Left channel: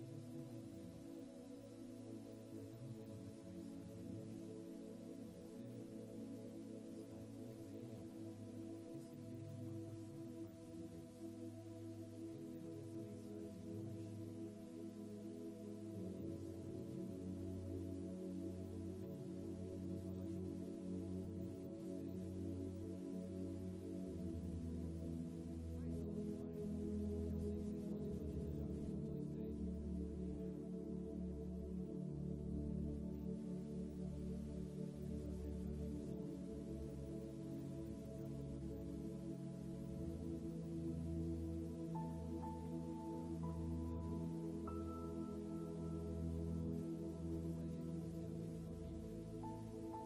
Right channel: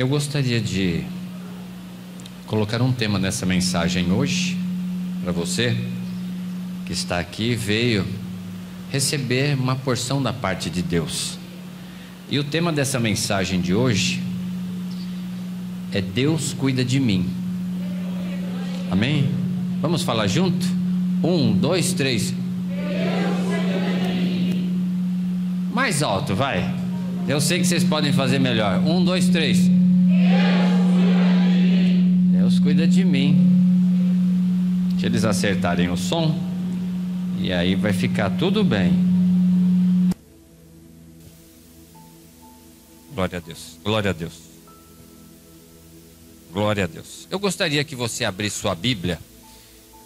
Eu gostaria de colocar um tema nessa mensagem hoje, para você que está aqui, veio receber uma porção da parte de Deus. E o tema dessa mensagem de hoje é Deus cuida de mim. Amém? Vamos falar junto? 1, 2, 3. Mais alto, vai. Eu sei que vocês podem fazer melhor. 1, 2, 3. Deus cuida de mim. Deixa eles acertarem o som, e aí vai ficar tudo bem. Glória a Deus, glória a Deus, glória a Deus. Eu gostaria que você abrisse sua Bíblia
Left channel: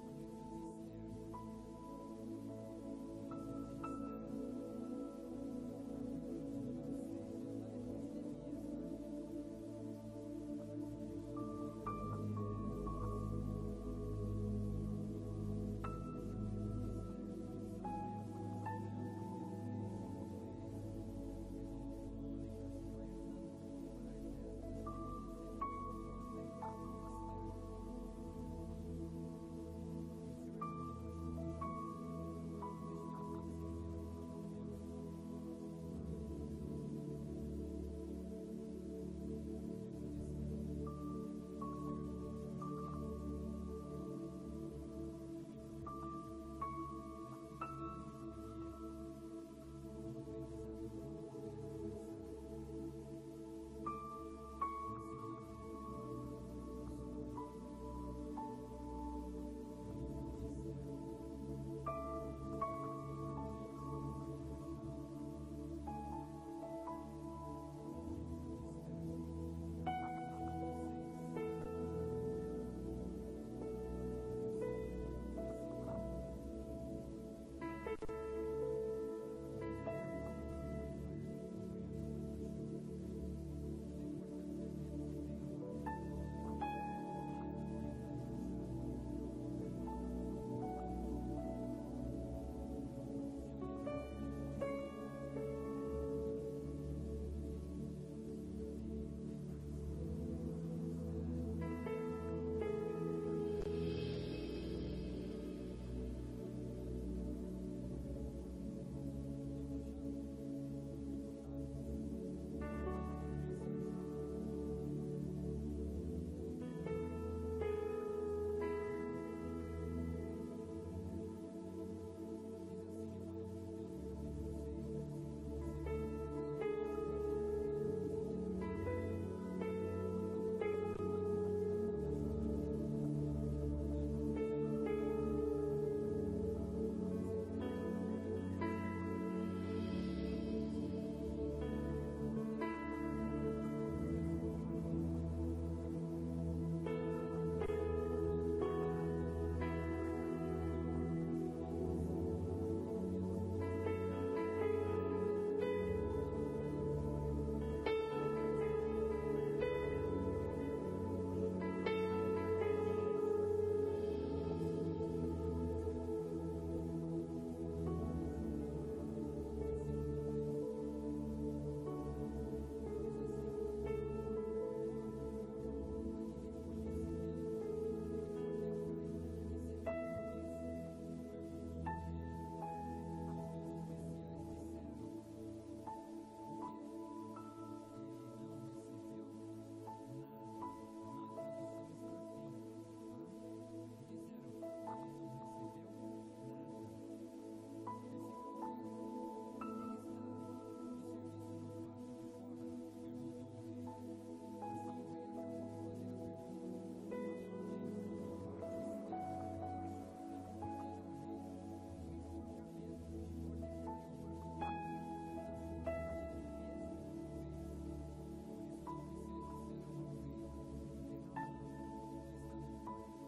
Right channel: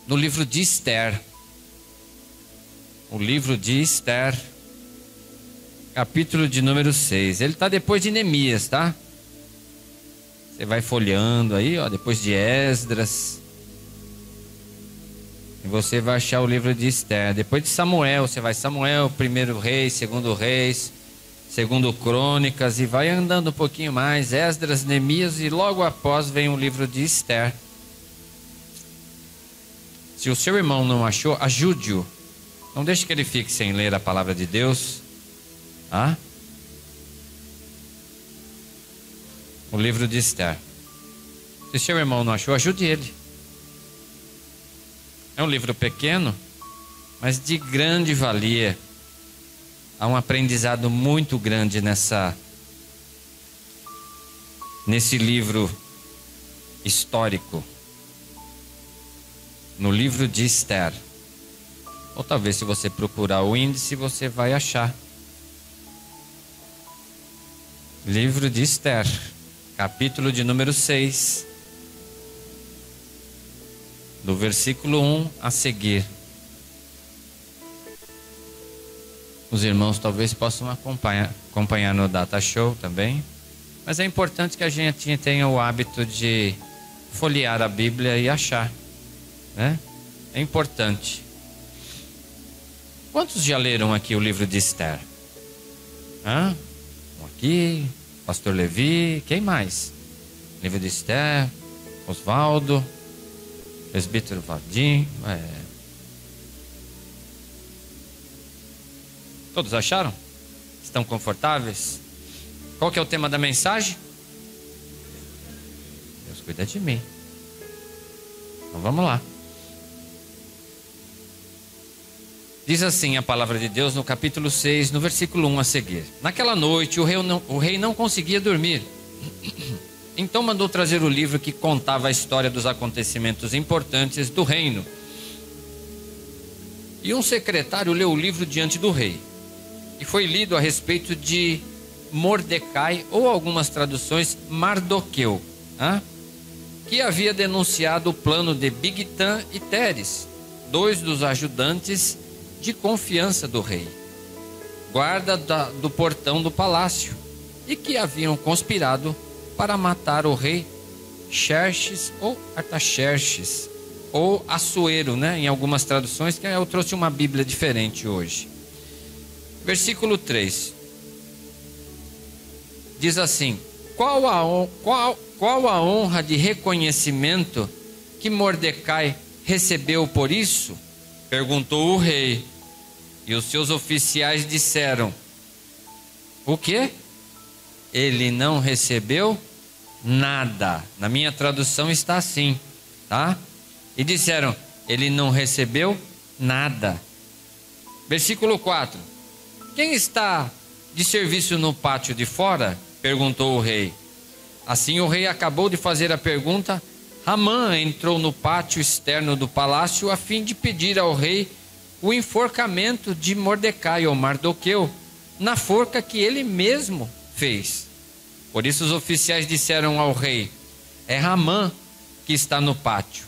no livro de Esther. O livro de Esther, capítulo de número 6. Ele está depois de Neemias, tá? Você vai folheando aí, ó, depois de Esdras. E você vai achar o livro de Esther. Depois de Samuel, você vai Samuel, 1º Reis, 2º Reis, 2º Crônicas, e vai andando um pouquinho mais, Esdras, Neemias, e logo após vem o livro de Esther. Se o seu irmão não achou, ajude-o. Não deixe que ele fique sem ler a palavra de Deus. Ah? O livro de Esther. Se seu irmão não achou, ajude ele. É um livro pequeno, mas de grande valia. Há um aprendizado muito grande nesse livro histórico. No livro de Esther. Ou talvez, se você procurar o índice, você vai achar. Livro de Esther, capítulo de número 6, do versículo 1 a seguir. Os irmãos talvez possam acompanhar no Data Show também, mas é importante que a gente tenha o hábito de folhear a Bíblia e achar, né? É importante. Quantos já leram aqui o livro de Esther? Hã? Aqui, pastor Levi, quem mais? Livro de Esther, Osvaldo, presbítero Vadim. Todos acharam? Estão confortáveis? Qual que é o tema da mensagem? Deus cuida de mim. Então vamos lá. Diz assim a palavra de Deus no capítulo 6, no versículo 1 a seguir. Naquela noite o rei não conseguia dormir. Então mandou trazer o livro que contava a história dos acontecimentos importantes do reino. E um secretário leu o livro diante do rei. E foi lido a respeito de Mordecai, ou algumas traduções, Mardoqueu, que havia denunciado o plano de Bigtan e Teres, 2 dos ajudantes de confiança do rei, guarda do portão do palácio, e que haviam conspirado para matar o rei Xerxes ou Artaxerxes, ou Assuero, né? Em algumas traduções, que eu trouxe uma Bíblia diferente hoje. Versículo 3 diz assim: qual a honra de reconhecimento que Mordecai recebeu por isso? Perguntou o rei. E os seus oficiais disseram: o quê? Ele não recebeu nada. Na minha tradução está assim, tá? E disseram: ele não recebeu nada. Versículo 4: quem está de serviço no pátio de fora? Perguntou o rei. Assim o rei acabou de fazer a pergunta, Amã entrou no pátio externo do palácio a fim de pedir ao rei o enforcamento de Mordecai ou Mardoqueu, na forca que ele mesmo fez. Por isso os oficiais disseram ao rei: é Amã que está no pátio.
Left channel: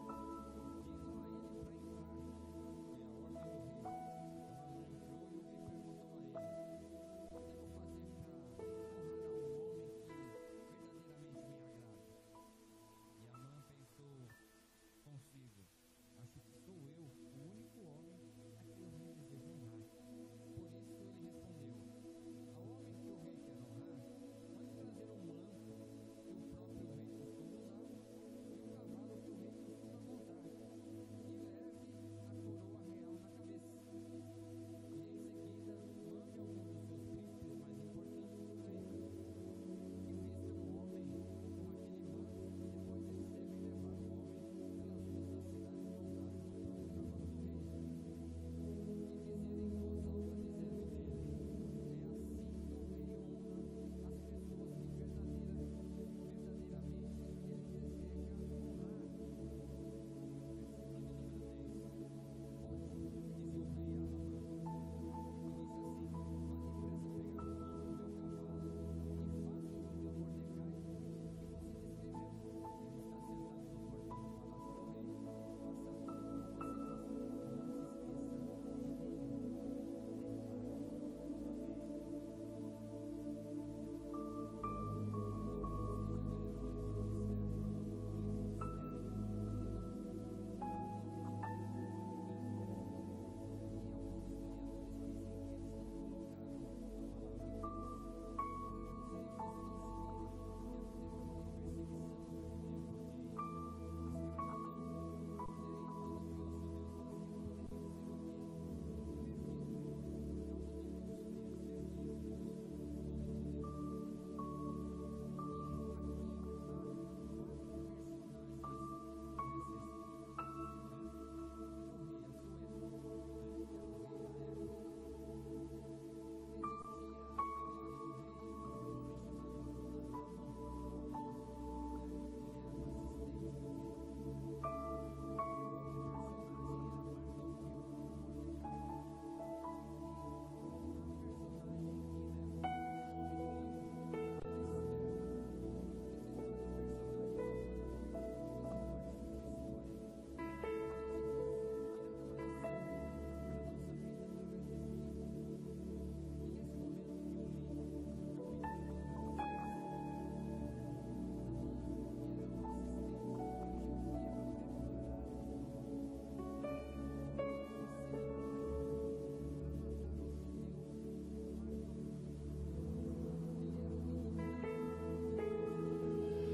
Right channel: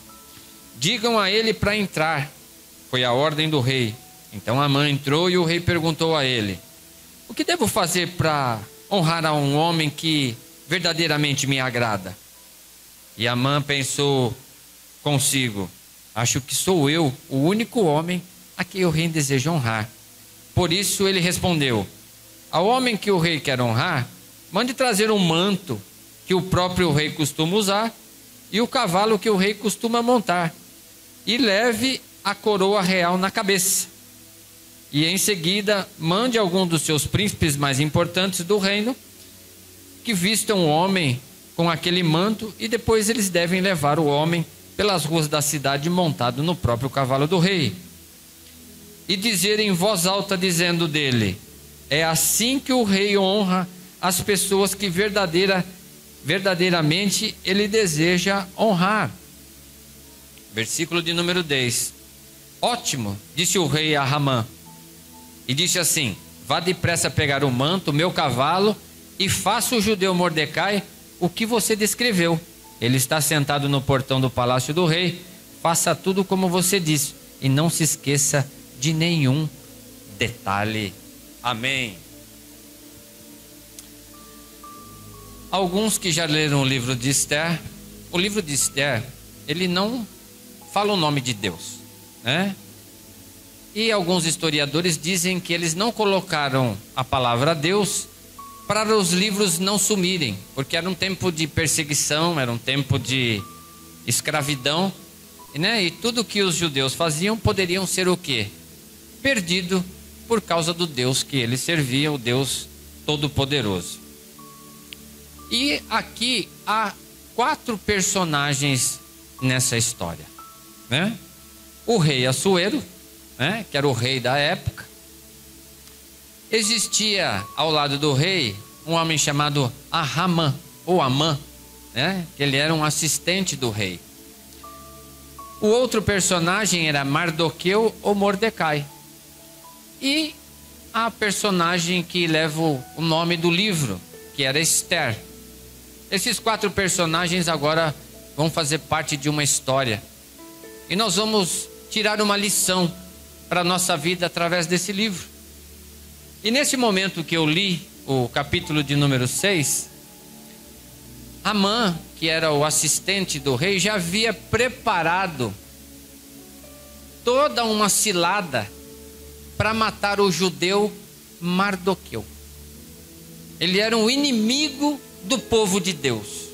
Digam a ele para entrar. Foi a ordem do rei. Então Amã entrou e o rei perguntou a ele: o que devo fazer para honrar a um homem que verdadeiramente me agrada? E Amã pensou consigo: acho que sou eu o único homem a quem o rei deseja honrar. Por isso ele respondeu: ao homem que o rei quer honrar, mande trazer um manto que o próprio rei costuma usar e o cavalo que o rei costuma montar, e leve a coroa real na cabeça. E em seguida mande algum dos seus príncipes mais importantes do reino que vistam o homem com aquele manto, e depois eles devem levar o homem pelas ruas da cidade montado no próprio cavalo do rei, e dizer em voz alta, dizendo dele: é assim que o rei honra as pessoas que verdadeiramente ele deseja honrar. Versículo de número 10. Ótimo, disse o rei a Ramã, e disse assim: vá depressa pegar o manto, o meu cavalo, e faça o judeu Mordecai o que você descreveu. Ele está sentado no portão do palácio do rei. Faça tudo como você disse, e não se esqueça de nenhum detalhe. Amém. Alguns que já leram o livro de Esther, o livro de Esther, ele não fala o nome de Deus, né? E alguns historiadores dizem que eles não colocaram a palavra Deus para os livros não sumirem, porque era um tempo de perseguição, era um tempo de escravidão, né? E tudo que os judeus faziam poderiam ser o quê? Perdido por causa do Deus que eles serviam, o Deus Todo-Poderoso. E aqui há 4 personagens nessa história, né? O rei Assuero, né? Que era o rei da época. Existia ao lado do rei um homem chamado Hamã, ou Amã, né? Que ele era um assistente do rei. O outro personagem era Mardoqueu ou Mordecai. E a personagem que leva o nome do livro, que era Esther. Esses 4 personagens agora vão fazer parte de uma história. E nós vamos tirar uma lição para a nossa vida através desse livro. E nesse momento que eu li o capítulo de número 6, Amã, que era o assistente do rei, já havia preparado toda uma cilada para matar o judeu Mardoqueu. Ele era um inimigo do povo de Deus.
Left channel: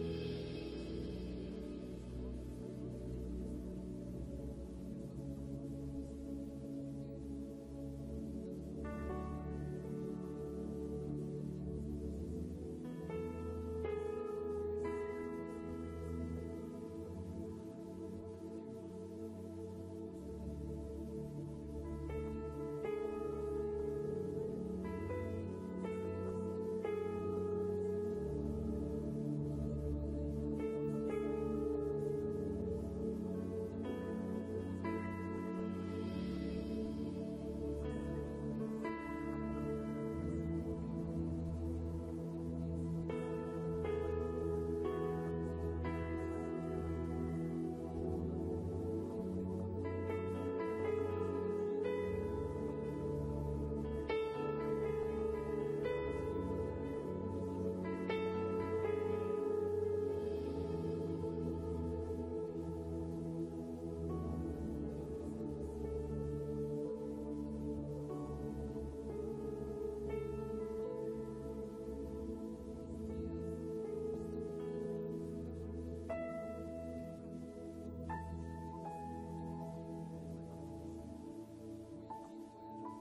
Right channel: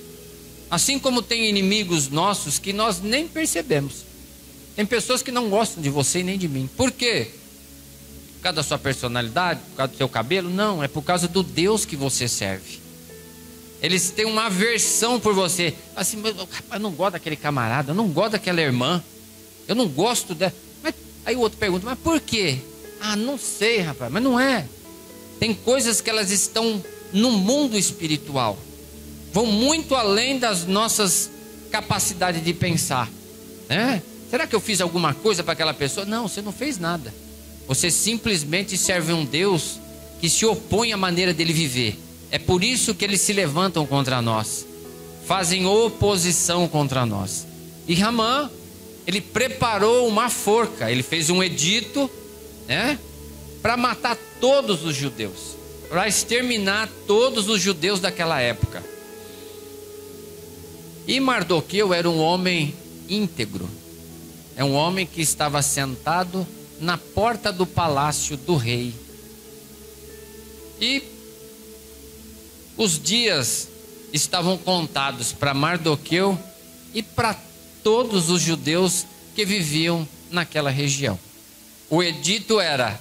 Assim como tem inimigos nossos que nós nem percebemos. Tem pessoas que não gostam de você e nem de mim. Por quê? Por causa da sua personalidade? Por causa do seu cabelo? Não, é por causa do Deus que você serve. Eles têm uma aversão por você. Assim, rapaz, eu não gosto daquele camarada, eu não gosto daquela irmã, eu não gosto dela. Mas, aí o outro pergunta, mas por quê? Ah, não sei, rapaz, mas não é. Tem coisas que elas estão no mundo espiritual, vão muito além das nossas capacidades de pensar, né? Será que eu fiz alguma coisa para aquela pessoa? Não, você não fez nada. Você simplesmente serve um Deus que se opõe à maneira dele viver. É por isso que eles se levantam contra nós, fazem oposição contra nós. E Ramã, ele preparou uma forca, ele fez um edito, né, para matar todos os judeus, para exterminar todos os judeus daquela época. E Mardoqueu era um homem íntegro, é um homem que estava sentado na porta do palácio do rei. E os dias estavam contados para Mardoqueu e para todos os judeus que viviam naquela região. O edito era:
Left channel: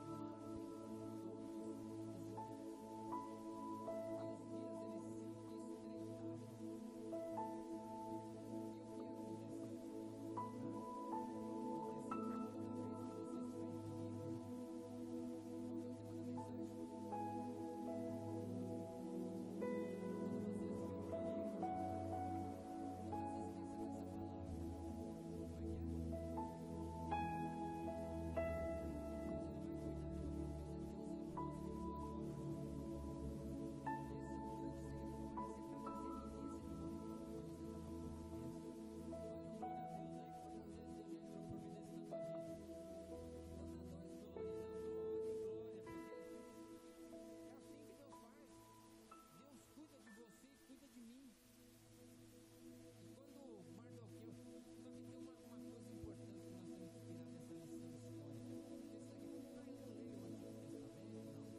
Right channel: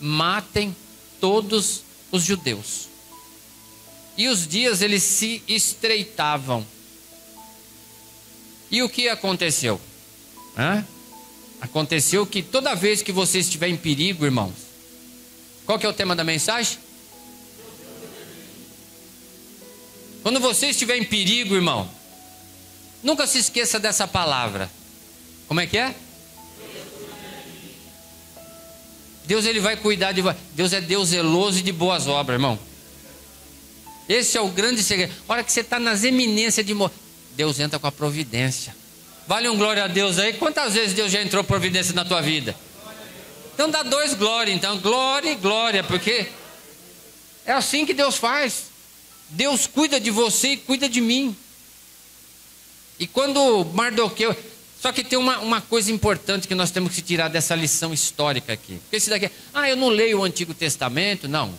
matem todos os judeus. E os dias eles se estreitavam. E o que aconteceu? Aconteceu que toda vez que você estiver em perigo, irmãos, qual que é o tema da mensagem? Quando você estiver em perigo, irmão, nunca se esqueça dessa palavra. Como é que é? Deus, ele vai cuidar de você. Deus é Deus zeloso e de boas obras, irmão. Esse é o grande segredo. A hora que você está nas eminências de morrer, Deus entra com a providência. Vale um glória a Deus aí. Quantas vezes Deus já entrou providência na tua vida? Então dá 2 glória, então. Glória e glória, porque é assim que Deus faz. Deus cuida de você e cuida de mim. E quando Mardoqueu... Só que tem uma coisa importante que nós temos que tirar dessa lição histórica aqui. Porque esse daqui, eu não leio o Antigo Testamento. Não.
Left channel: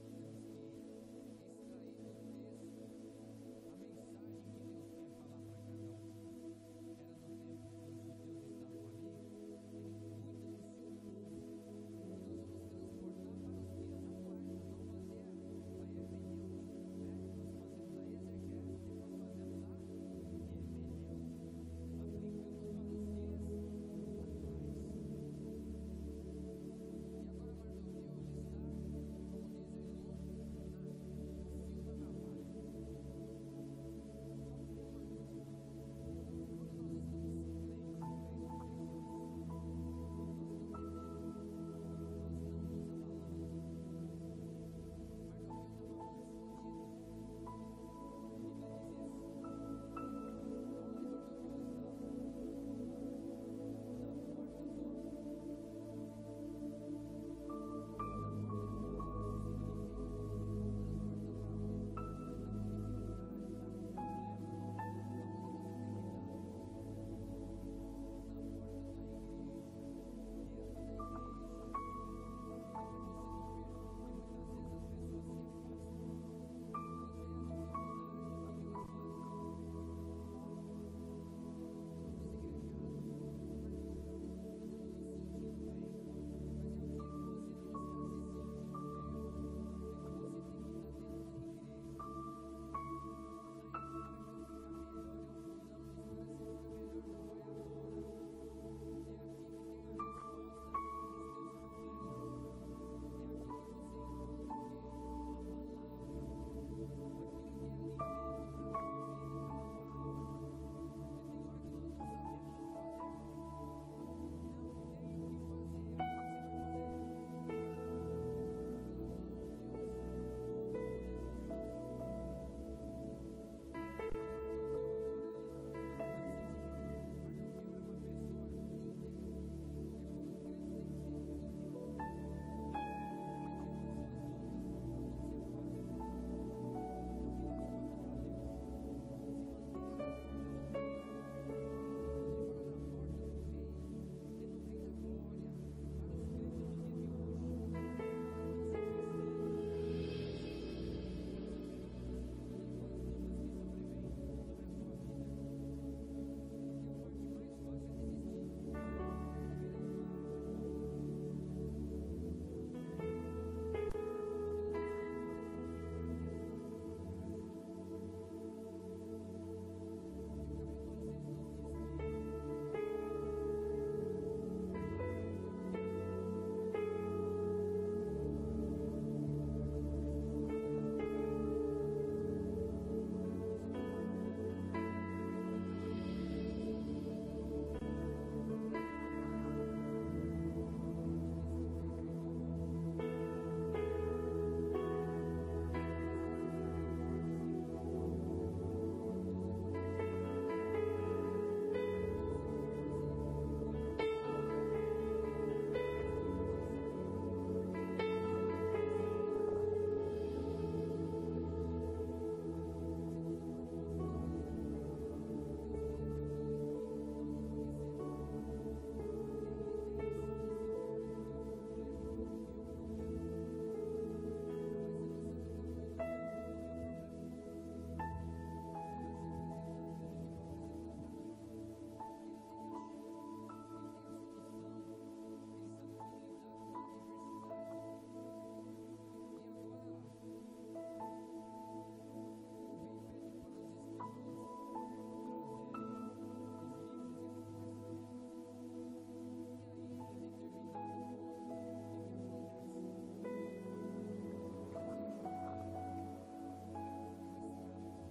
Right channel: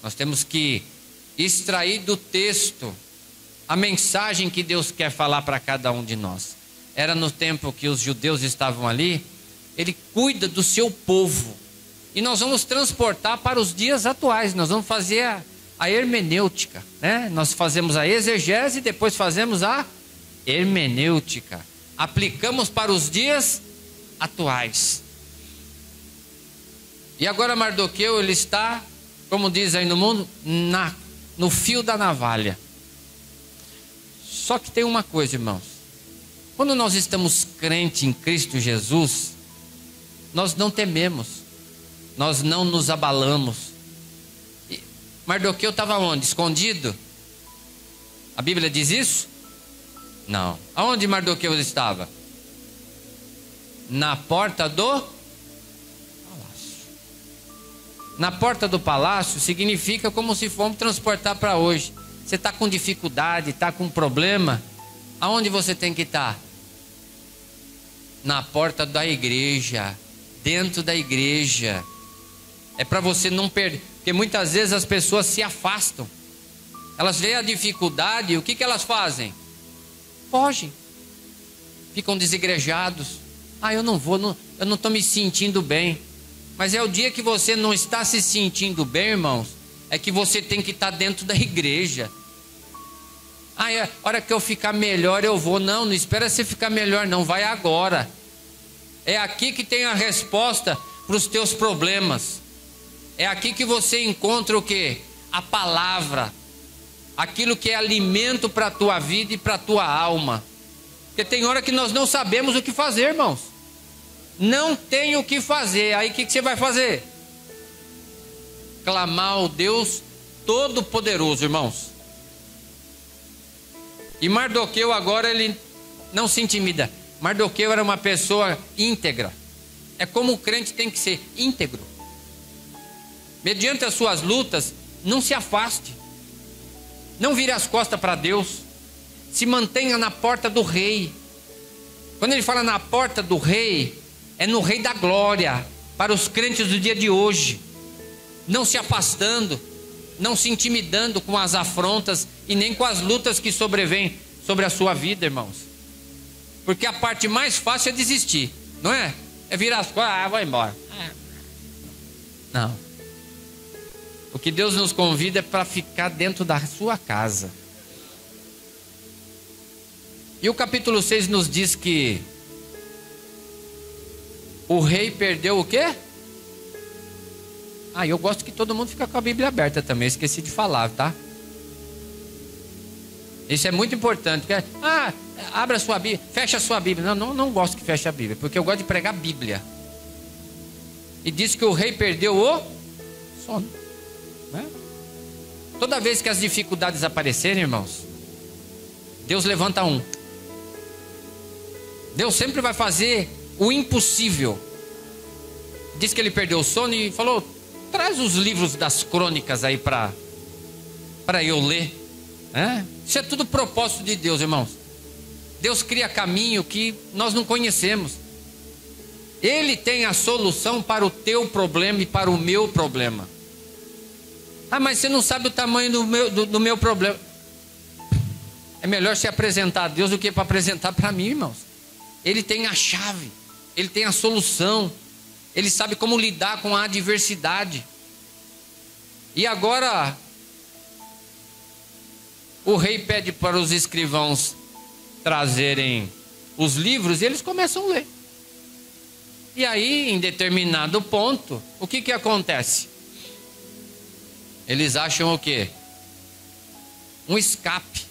Nós temos que extrair do texto a mensagem que Deus quer falar para cada um de nós. Era no tempo que os judeus estavam ali. Ele cuida do seu povo. E nós vamos transportar para os dias atuais. Nós vamos fazer a hermenêutica, né? Nós fazemos a exegese e depois fazemos a hermenêutica. Aplicamos para os dias atuais. E agora Mardoqueu, ele está, como diz aí no mundo, no fio da navalha. Só que tem uma coisa, irmãos. Quando nós estamos crentes em Cristo Jesus, nós não tememos, nós não nos abalamos. Mardoqueu estava onde? Escondido? A Bíblia diz isso? Não. Aonde Mardoqueu estava? Na porta do palácio. Na porta do palácio significa como se fomos transportar para hoje. Você está com dificuldade, está com problema, aonde você tem que estar? Na porta da igreja, dentro da igreja. É para você não perder, porque muitas vezes as pessoas se afastam. Elas veem a dificuldade e o que elas fazem? Fogem. Ficam desigrejados. Eu não vou, eu não estou me sentindo bem. Mas é o dia que você não está se sentindo bem, irmãos, é que você tem que estar dentro da igreja. A hora que eu ficar melhor eu vou. Não espera você ficar melhor não, vai agora. É aqui que tem a resposta para os teus problemas. É aqui que você encontra o quê? A palavra. Aquilo que é alimento para a tua vida e para a tua alma. Porque tem hora que nós não sabemos o que fazer, irmãos. Não tem o que fazer. Aí o que você vai fazer? Clamar ao Deus Todo-Poderoso, irmãos. E Mardoqueu agora ele não se intimida. Mardoqueu era uma pessoa íntegra. É como o crente tem que ser íntegro. Mediante as suas lutas, não se afaste. Não vire as costas para Deus. Se mantenha na porta do rei. Quando ele fala na porta do rei, é no rei da glória. Para os crentes do dia de hoje. Não se afastando. Não se intimidando com as afrontas e nem com as lutas que sobrevêm sobre a sua vida, irmãos. Porque a parte mais fácil é desistir, não é? É virar as costas, vou embora. Não. O que Deus nos convida é para ficar dentro da sua casa. E o capítulo 6 nos diz que o rei perdeu o quê? Eu gosto que todo mundo fica com a Bíblia aberta também, esqueci de falar, tá? Isso é muito importante. Abra a sua Bíblia, fecha a sua Bíblia. Não gosto que feche a Bíblia, porque eu gosto de pregar a Bíblia. E diz que o rei perdeu o sono, né? Toda vez que as dificuldades aparecerem, irmãos, Deus levanta um. Deus sempre vai fazer o impossível. Diz que ele perdeu o sono e falou: traz os livros das crônicas aí para eu ler. Isso é tudo propósito de Deus, irmãos. Deus cria caminho que nós não conhecemos. Ele tem a solução para o teu problema e para o meu problema. Mas você não sabe o tamanho do meu problema. É melhor se apresentar a Deus do que para apresentar para mim, irmãos. Ele tem a chave. Ele tem a solução. Ele sabe como lidar com a adversidade. E agora o rei pede para os escrivãos trazerem os livros e eles começam a ler. E aí, em determinado ponto, o que acontece? Eles acham o quê? Um escape,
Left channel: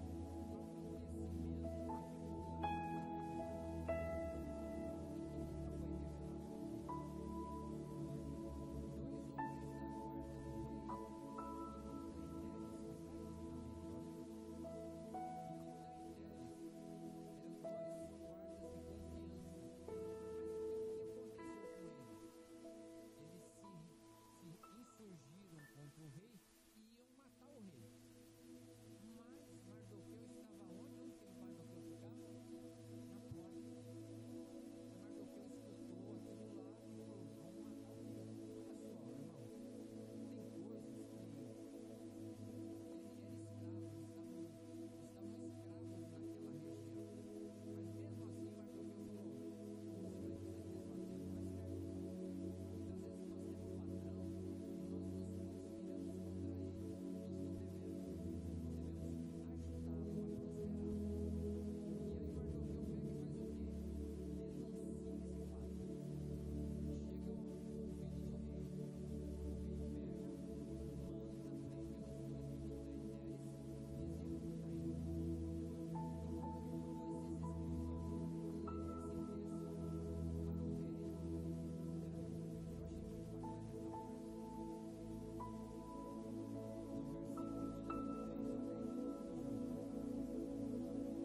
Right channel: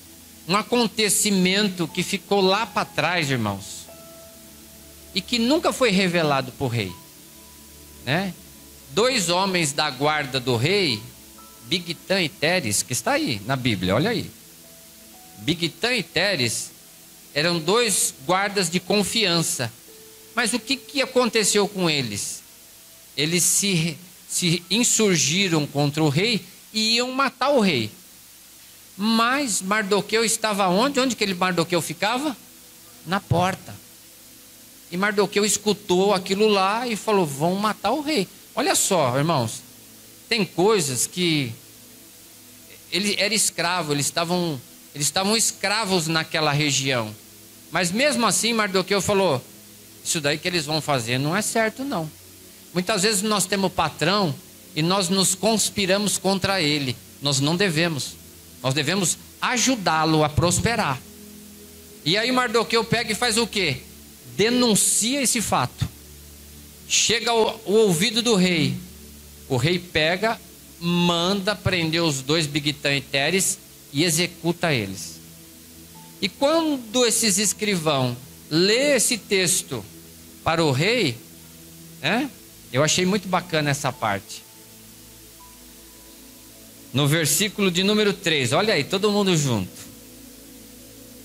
um acontecimento que ficou lá para trás, irmãos, e que nunca foi revelado para o rei, né? 2 homens da guarda do rei, Bigtã e Teres, que está aí na Bíblia, olha aí. Bigtã e Teres eram 2 guardas de confiança. Mas o que aconteceu com eles? Eles se insurgiram contra o rei e iam matar o rei. Mas Mardoqueu estava onde? Onde que Mardoqueu ficava? Na porta. E Mardoqueu escutou aquilo lá e falou: vão matar o rei. Olha só, irmãos, tem coisas que ele era escravo, eles estavam Eles estavam escravos naquela região. Mas mesmo assim, Mardoqueu falou: isso daí que eles vão fazer não é certo, não. Muitas vezes nós temos patrão e nós nos conspiramos contra ele. Nós não devemos. Nós devemos ajudá-lo a prosperar. E aí Mardoqueu pega e faz o quê? Denuncia esse fato. Chega ao ouvido do rei. O rei pega, manda prender os dois Bigtã e Teres e executa eles. E quando esses escrivãos lê esse texto para o rei, eu achei muito bacana essa parte. No versículo de número 3, olha aí, todo mundo junto.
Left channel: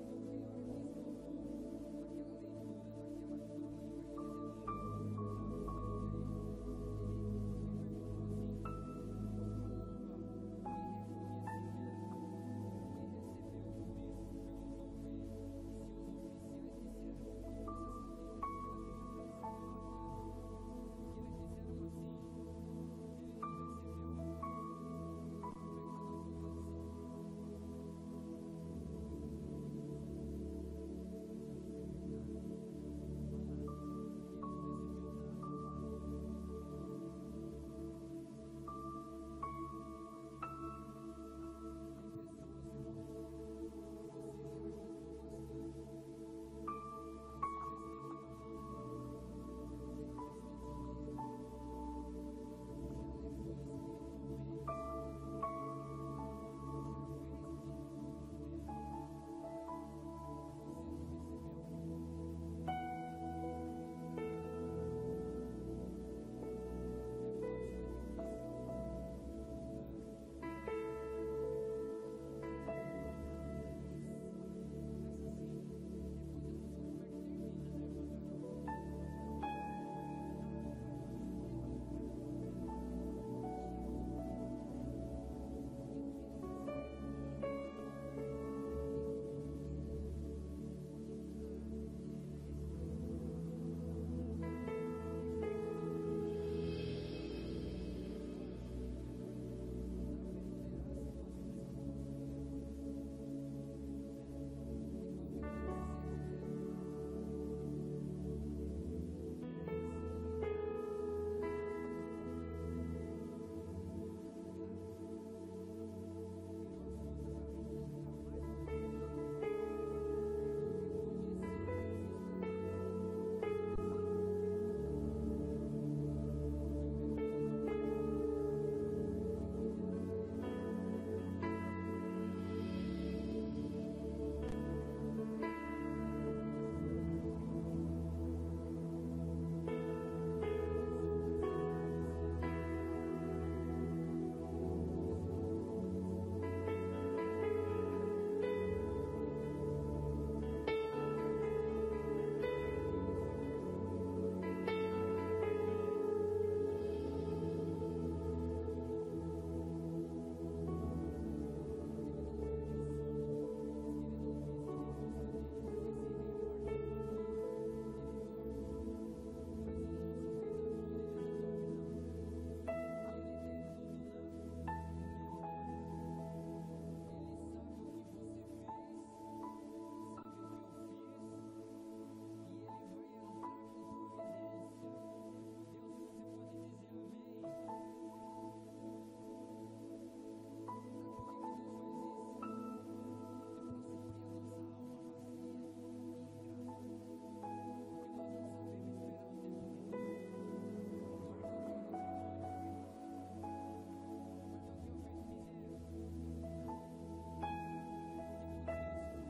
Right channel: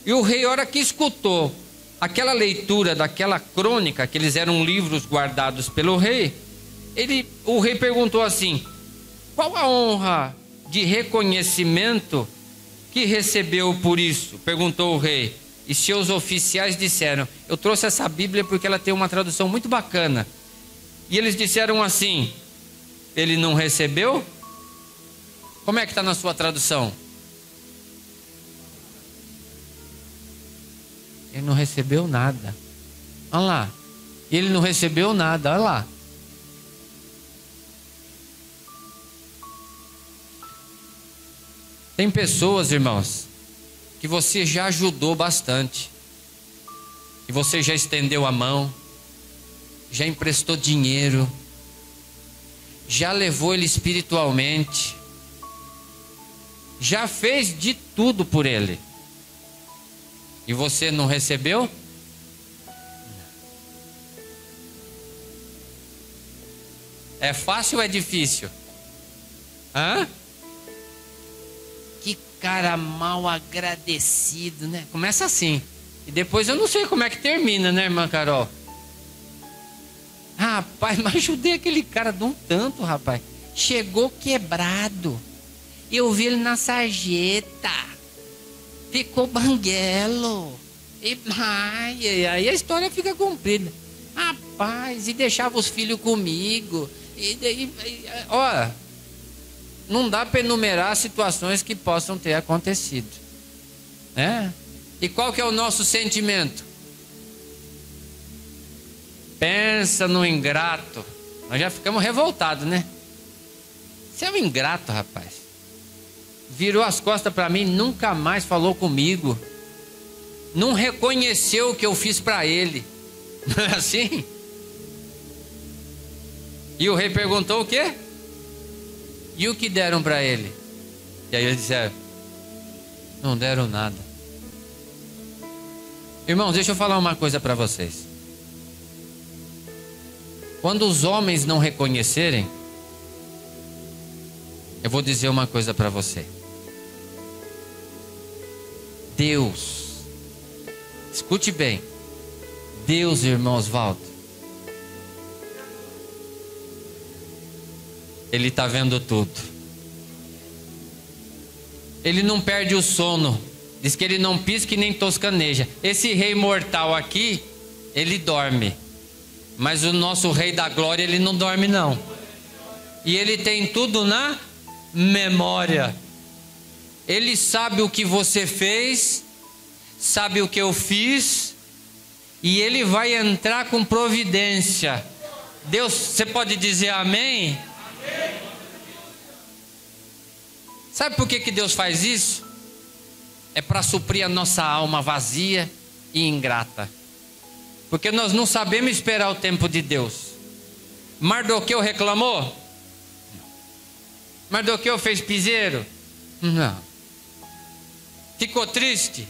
E o rei, a hora que escutou aquela leitura daquela crônica, que eles eram livros guardados pelo rei, o rei perguntou assim: qual a honra de reconhecimento que recebeu por isso? Perguntou o rei. E seus oficiais disseram: eu trouxe essa Bíblia porque ela tem uma tradução muito bacana. E eles disseram assim: ele não recebeu? Como é que está na sua tradução? Ele não recebeu nada. Olha lá. Ele não recebeu nada, olha lá. Tem pessoas, irmãos, que você já ajudou bastante. E você já estendeu a mão, já emprestou dinheiro, já levou ele espiritualmente, já fez de tudo por ele. E você não recebeu? É fácil ou é difícil? Hã? Que cara mal agradecido, né? Começa assim. E depois eu não sei como é que termina, né, irmã Carol? Rapaz, mas ajudei aquele cara de um tanto, rapaz. Chegou quebrado. Eu vi ele na sarjeta. Ficou banguelo. E aí a história fica comprida. Rapaz, e deixava os filhos comigo. Ó, não dá para enumerar situações que possam ter acontecido, né? E qual que é o nosso sentimento? Pensa no ingrato. Nós já ficamos revoltados, né? Você é um ingrato, rapaz. Virou as costas para mim, nunca mais falou comigo. Não reconheceu o que eu fiz para ele. Não é assim? E o rei perguntou o quê? E o que deram para ele? E aí eles disseram: não deram nada. Irmãos, deixa eu falar uma coisa para vocês. Quando os homens não reconhecerem, eu vou dizer uma coisa para você. Deus, escute bem, Deus, irmão Osvaldo, Ele está vendo tudo. Ele não perde o sono. Diz que ele não pisca e nem toscaneja. Esse rei mortal aqui, ele dorme. Mas o nosso rei da glória, ele não dorme não. E ele tem tudo na memória. Ele sabe o que você fez, sabe o que eu fiz, e ele vai entrar com providência. Deus, você pode dizer amém? Sabe por que Deus faz isso? É para suprir a nossa alma vazia e ingrata. Porque nós não sabemos esperar o tempo de Deus. Mardoqueu reclamou? Mardoqueu fez piseiro? Não. Ficou triste?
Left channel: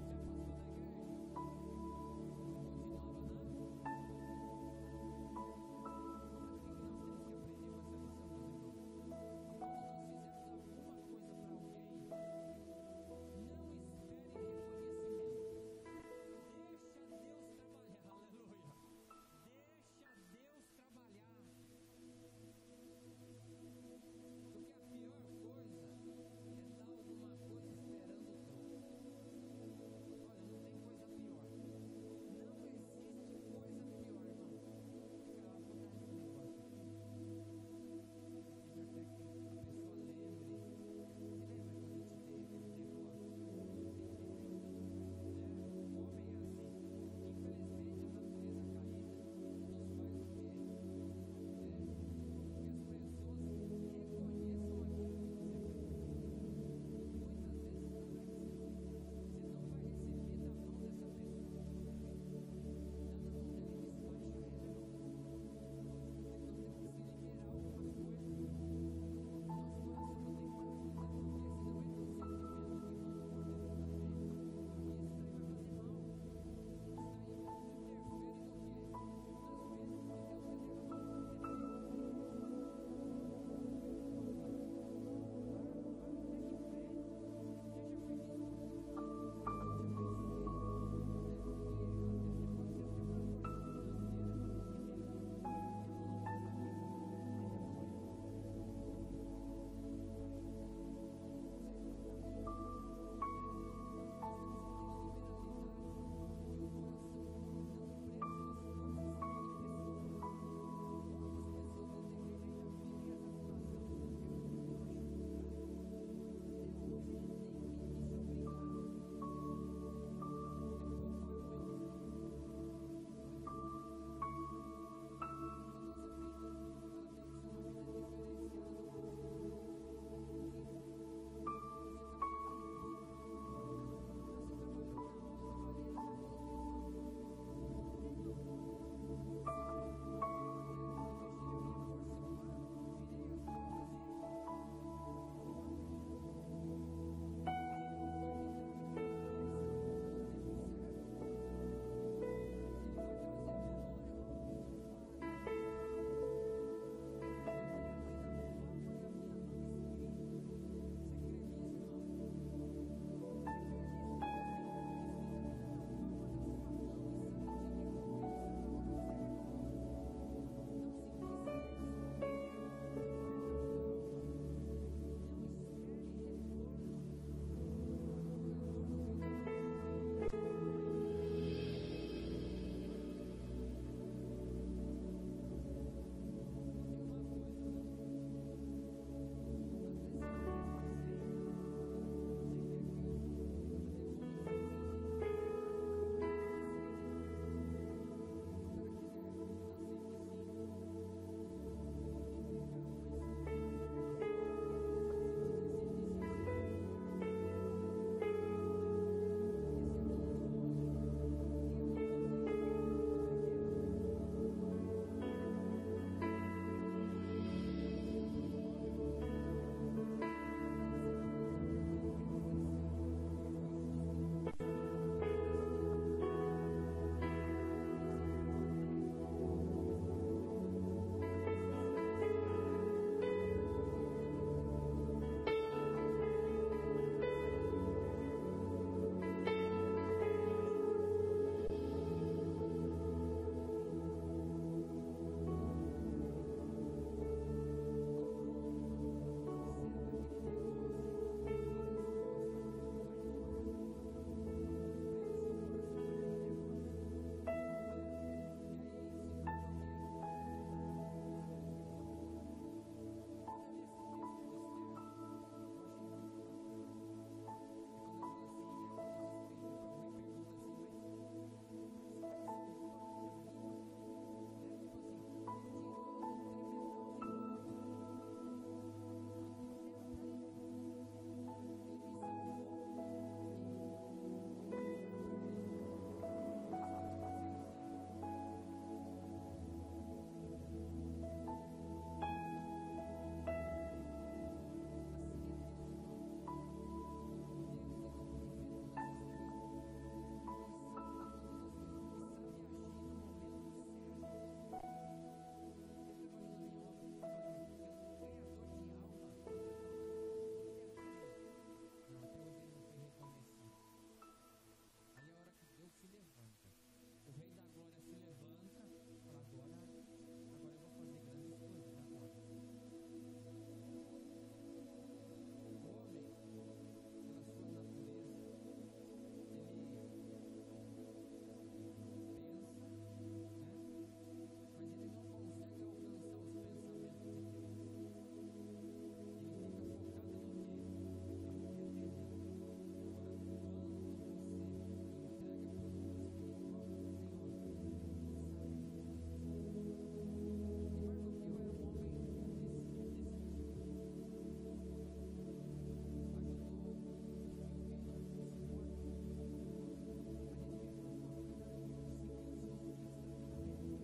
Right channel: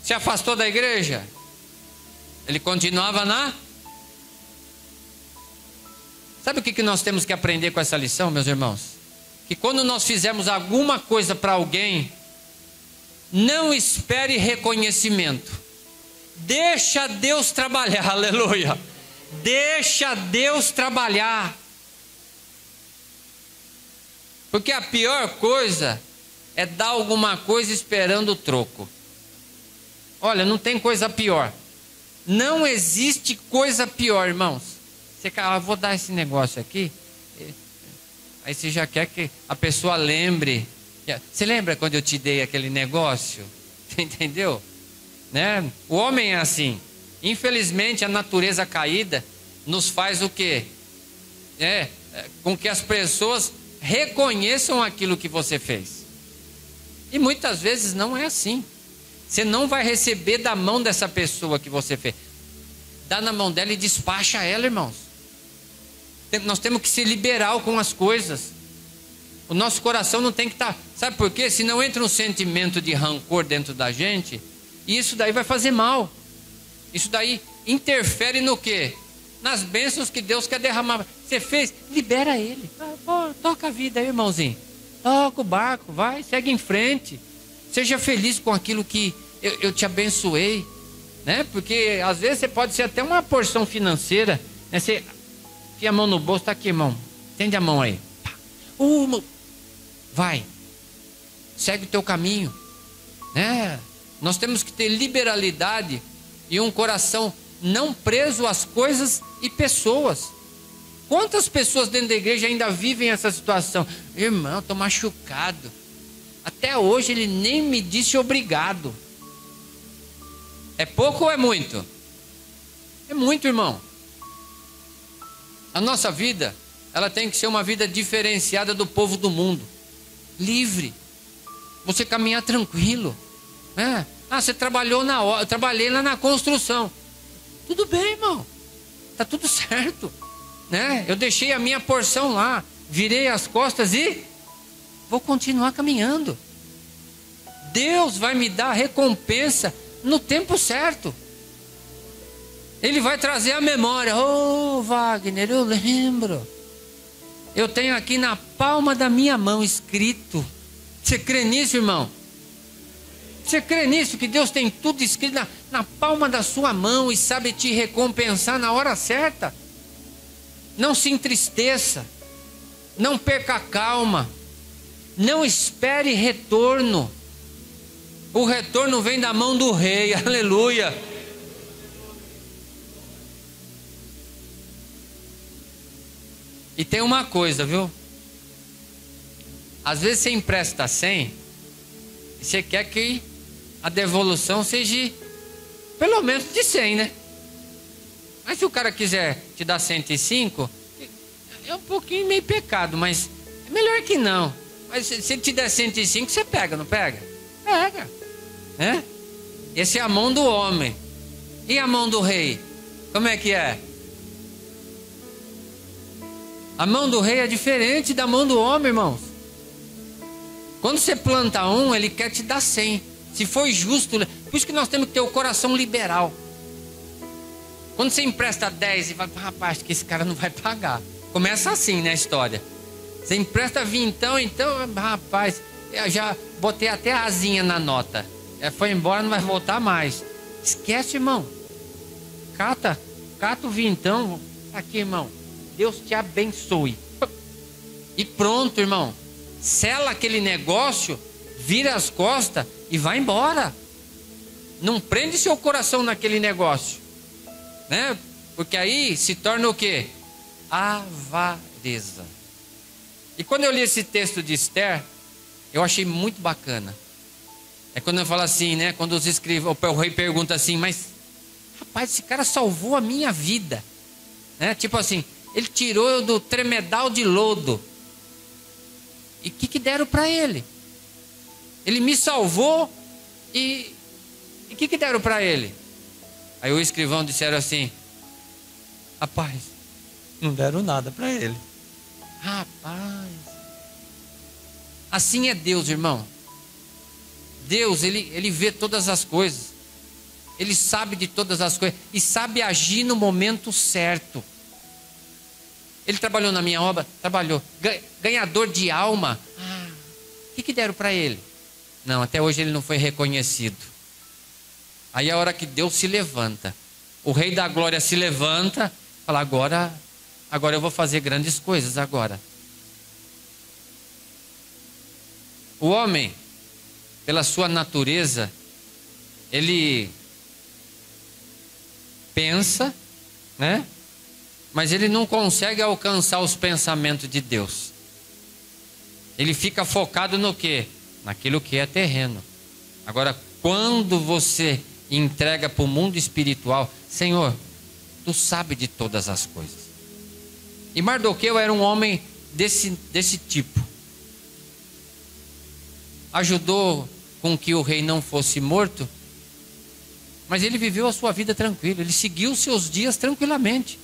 Se afastou da igreja? Ele continuava na... Sabe o que nós temos que aprender com essa lição, meus irmãos? Que quando nós fizermos alguma coisa para alguém, não espere reconhecimento. Deixa Deus trabalhar, aleluia. Deixa Deus trabalhar. Porque a pior coisa é dar alguma coisa esperando o troco. Olha, não tem coisa pior. Não existe coisa pior, irmãos. Você, vou dar esse negócio aqui. Aí você já quer que a pessoa lembre Você lembra quando eu te dei aquele negócio? Você entendeu? Né? O homem é assim. Infelizmente, a natureza caída nos faz o quê? Com que as pessoas reconheçam aquilo que você fez. E muitas vezes não é assim. Você não vai receber da mão dessa pessoa que você fez. Dá na mão dela e despacha ela, irmãos. Nós temos que ser liberal com as coisas. O nosso coração não tem que estar... Sabe por quê? Se não entra um sentimento de rancor dentro da gente, isso daí vai fazer mal. Isso daí interfere no quê? Nas bênçãos que Deus quer derramar. Você fez, libera ele. Toca a vida aí, irmãozinho. Toca o barco, vai, segue em frente. Seja feliz com aquilo que eu te abençoei. Né? Porque às vezes você pode ser até uma porção financeira. Né? Você enfia a mão no bolso, tá aqui, irmão. Estende a mão aí. Vai. Segue o teu caminho. Né? Nós temos que ter liberalidade e um coração não preso às coisas e pessoas. Quantas pessoas dentro da igreja ainda vivem essa situação? Irmão, estou machucado. Até hoje ele nem me disse obrigado. É pouco ou é muito? É muito, irmão. A nossa vida, ela tem que ser uma vida diferenciada do povo do mundo. Livre. Você caminhar tranquilo. Né? Você trabalhou na hora, eu trabalhei lá na construção. Tudo bem, irmão. Tá tudo certo. Né? Eu deixei a minha porção lá, virei as costas e vou continuar caminhando. Deus vai me dar a recompensa no tempo certo. Ele vai trazer a memória. Wagner, eu lembro. Eu tenho aqui na palma da minha mão escrito. Você crê nisso, irmão? Você crê nisso? Que Deus tem tudo escrito na palma da sua mão e sabe te recompensar na hora certa? Não se entristeça. Não perca a calma. Não espere retorno. O retorno vem da mão do rei. Aleluia. E tem uma coisa, viu? Às vezes você empresta 100 e você quer que a devolução seja pelo menos de 100, né? Mas se o cara quiser te dar 105, é um pouquinho meio pecado, mas é melhor que não. Mas se ele te der 105, você pega, não pega? Pega. Né? Essa é a mão do homem. E a mão do rei? Como é que é? A mão do rei é diferente da mão do homem, irmãos. Quando você planta um, ele quer te dar 100. Se for justo, por isso que nós temos que ter o coração liberal. Quando você empresta 10 e vai, rapaz, que esse cara não vai pagar. Começa assim, né, a história. Você empresta 20, então, rapaz, eu já botei até a asinha na nota. Foi embora, não vai voltar mais. Esquece, irmão. Cata o vintão. Aqui, irmão. Deus te abençoe. E pronto, irmão. Sela aquele negócio, vira as costas e vai embora. Não prende seu coração naquele negócio, né? Porque aí se torna o quê? Avareza. E quando eu li esse texto de Esther, eu achei muito bacana. É quando eu falo assim, né? Quando os escrivãos, o rei pergunta assim, mas rapaz, esse cara salvou a minha vida, né? Tipo assim, ele tirou eu do tremedal de lodo. E o que deram para ele? Ele me salvou e o que deram para ele? Aí o escrivão disseram assim, rapaz, não deram nada para ele. Rapaz, assim é Deus, irmão. Deus, ele vê todas as coisas. Ele sabe de todas as coisas e sabe agir no momento certo. Ele trabalhou na minha obra? Trabalhou. Ganhador de alma? O que deram para ele? Não, até hoje ele não foi reconhecido. Aí é a hora que Deus se levanta. O Rei da Glória se levanta. Fala, agora eu vou fazer grandes coisas agora. O homem, pela sua natureza, ele pensa, né? Mas ele não consegue alcançar os pensamentos de Deus. Ele fica focado no quê? naquilo que é terreno. Agora, quando você entrega para o mundo espiritual, Senhor, tu sabe de todas as coisas. E Mardoqueu era um homem desse tipo. Ajudou com que o rei não fosse morto, mas ele viveu a sua vida tranquilo, ele seguiu os seus dias tranquilamente.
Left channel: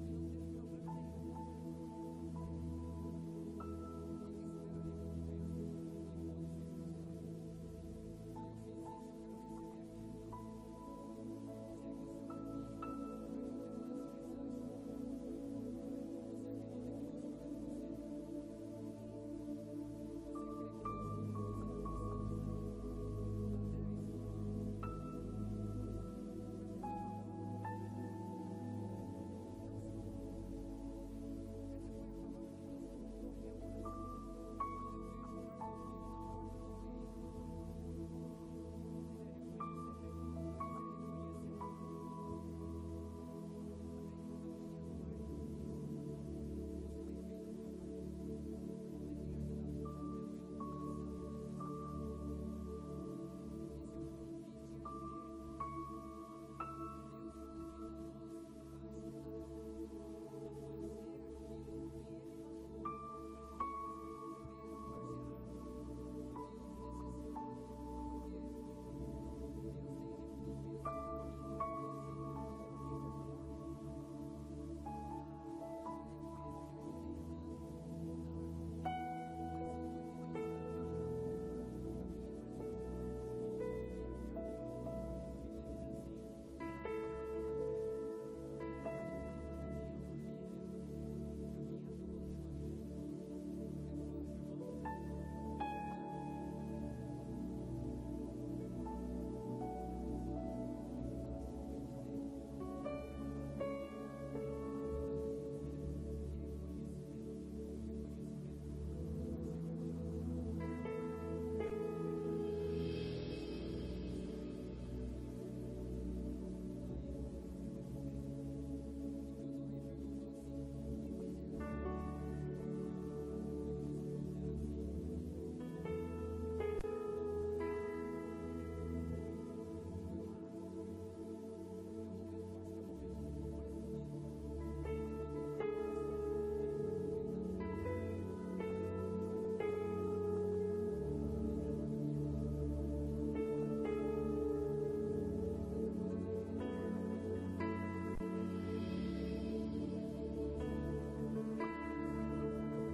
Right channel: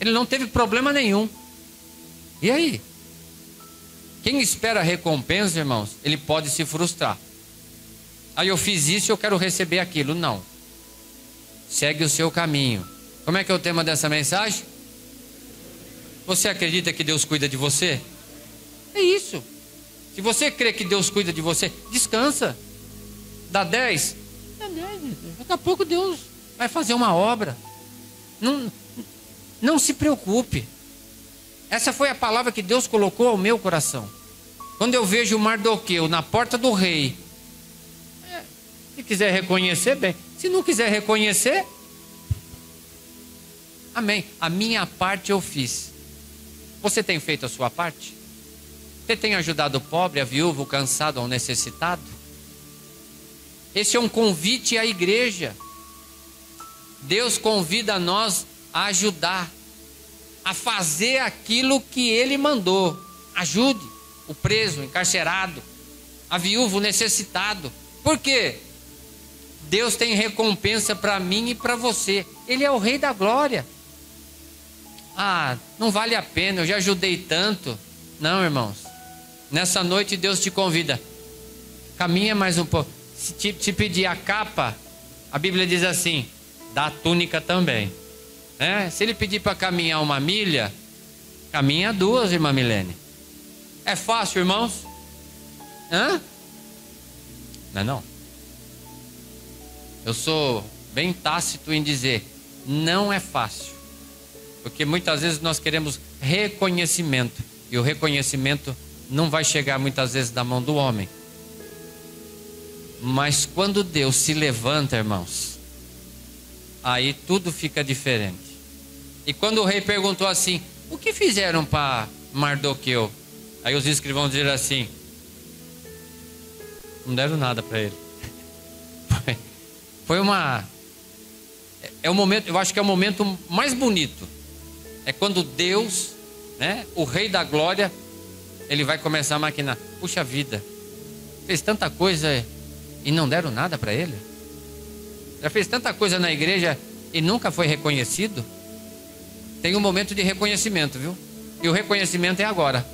Ele não teve problema nenhum. E aí? Quem espera recompensa, irmãos, ele pode se frustrar. Aí eu fiz isso e eu quero receber aquilo. Não. Segue o seu caminho. Como é que é o tema dessa mensagem? Você acredita que Deus cuida de você? É isso. Se você crê que Deus cuida de você, descansa. Dá 10? Dá 10. Daqui a pouco Deus vai fazer uma obra. Não se preocupe. Essa foi a palavra que Deus colocou ao meu coração. Quando eu vejo Mardoqueu na porta do rei, se quiser reconhecer, bem. Se não quiser reconhecer, amém. A minha parte eu fiz. Você tem feito a sua parte? Você tem ajudado o pobre, a viúva, o cansado, o necessitado? Esse é um convite à igreja. Deus convida nós a ajudar, a fazer aquilo que Ele mandou. Ajude o preso, o encarcerado, a viúva, o necessitado. Por quê? Deus tem recompensa para mim e para você. Ele é o Rei da Glória. Ah, não vale a pena, eu já ajudei tanto. Não, irmãos. Nessa noite Deus te convida. Caminha mais um pouco. Se te pedir a capa, a Bíblia diz assim, dá a túnica também. Se ele pedir para caminhar 1 milha, caminha 2, irmã Milene. É fácil, irmãos? Não é não? Eu sou bem tácito em dizer, não é fácil. Porque muitas vezes nós queremos reconhecimento. E o reconhecimento não vai chegar muitas vezes da mão do homem. Mas quando Deus se levanta, irmãos, aí tudo fica diferente. E quando o rei perguntou assim, o que fizeram para Mardoqueu? Aí os escrivãos disseram assim, não deram nada para ele. Foi é um momento, eu acho que é o momento mais bonito. É quando Deus, o Rei da Glória, ele vai começar a maquinar. Puxa vida, fez tanta coisa e não deram nada para ele? Já fez tanta coisa na igreja e nunca foi reconhecido? Tem um momento de reconhecimento, viu? E o reconhecimento é agora,